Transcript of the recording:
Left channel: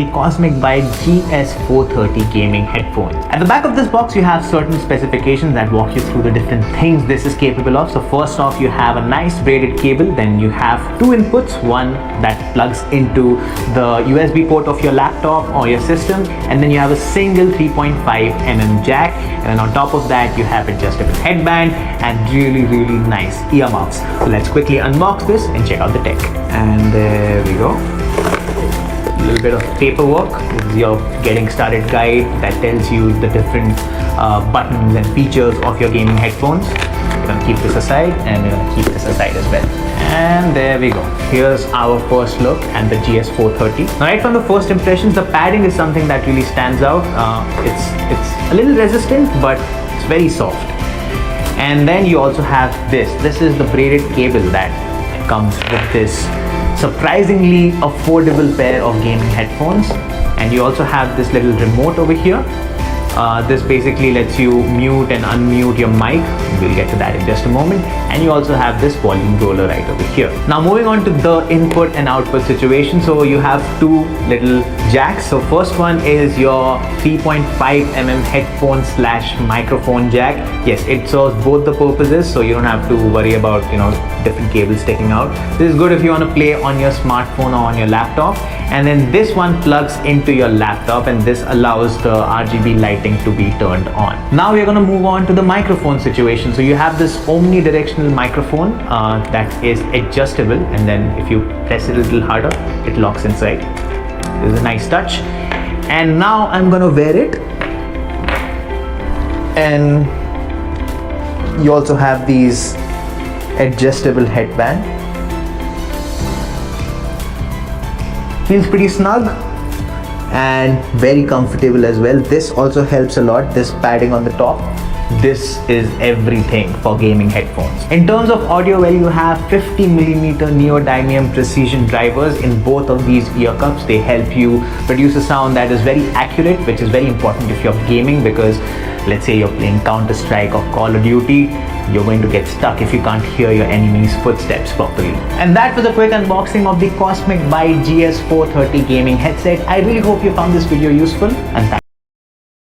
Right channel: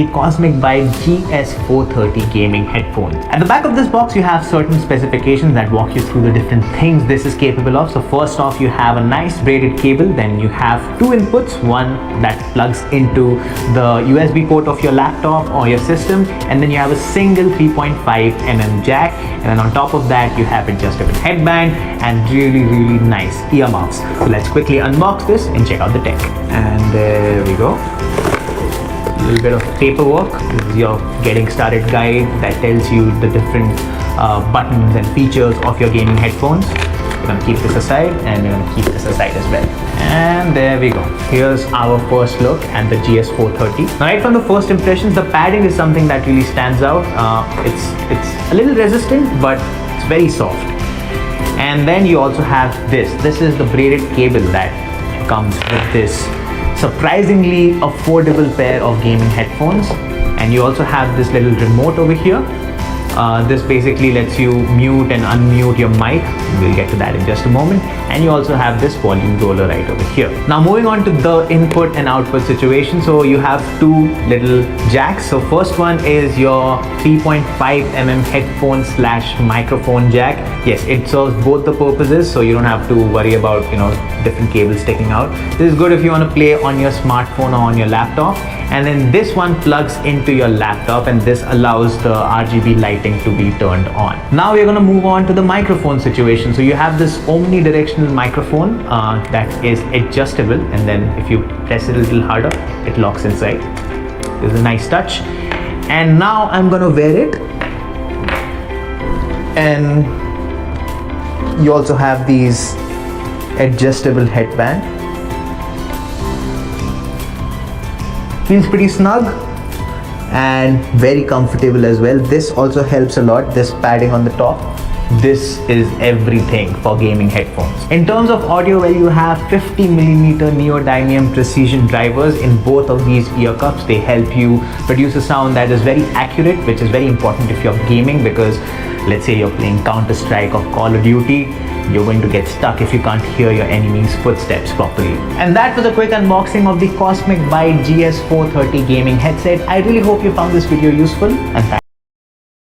the Cosmic Byte GS430 gaming headphone. At the back of this box, you have certain specifications that walk you through the different things this is capable of. So first off, you have a nice braided cable. Then you have two inputs, one that plugs into the USB port of your laptop or your system, and then you have a single 3.5mm jack, and then on top of that you have adjustable headband and really nice earmuffs. So let's quickly unbox this and check out the tech. And there we go. A little bit of paperwork. This is your getting started guide that tells you the different buttons and features of your gaming headphones. We're gonna keep this aside, and we're gonna keep this aside as well. And there we go. Here's our first look at the GS430. Now, right from the first impressions, the padding is something that really stands out. It's a little resistant, but it's very soft. And then you also have this. This is the braided cable that comes with this surprisingly affordable pair of gaming headphones. And you also have this little remote over here. This basically lets you mute and unmute your mic. We'll get to that in just a moment. And you also have this volume roller right over here. Now moving on to the input and output situation. So you have two little jacks. So first one is your 3.5mm headphone / microphone jack. Yes, it serves both the purposes, so you don't have to worry about different cables sticking out. This is good if you want to play on your smartphone or on your laptop. And then this one plugs into your laptop, and this allows the RGB lighting to be turned on. Now we're going to move on to the microphone situation. So you have this omnidirectional microphone that is adjustable, and then if you press it a little harder, it locks inside. It's a nice touch. And now I'm going to wear it, and you also have these adjustable headband. Feels pretty snug and very comfortable as well. This also helps a lot, this padding on the top. This is everything for gaming headphones. In terms of audio, well, you have 50mm neodymium precision drivers in both of these ear cups. They help you produce a sound that is very accurate, which is very important if you're gaming, because let's say you're playing Counter-Strike or Call of Duty, you're going to get stuck if you can't hear your enemy's footsteps properly. And that was a quick unboxing of the Cosmic Byte GS430 gaming headset. I really hope you found this video useful, and thanks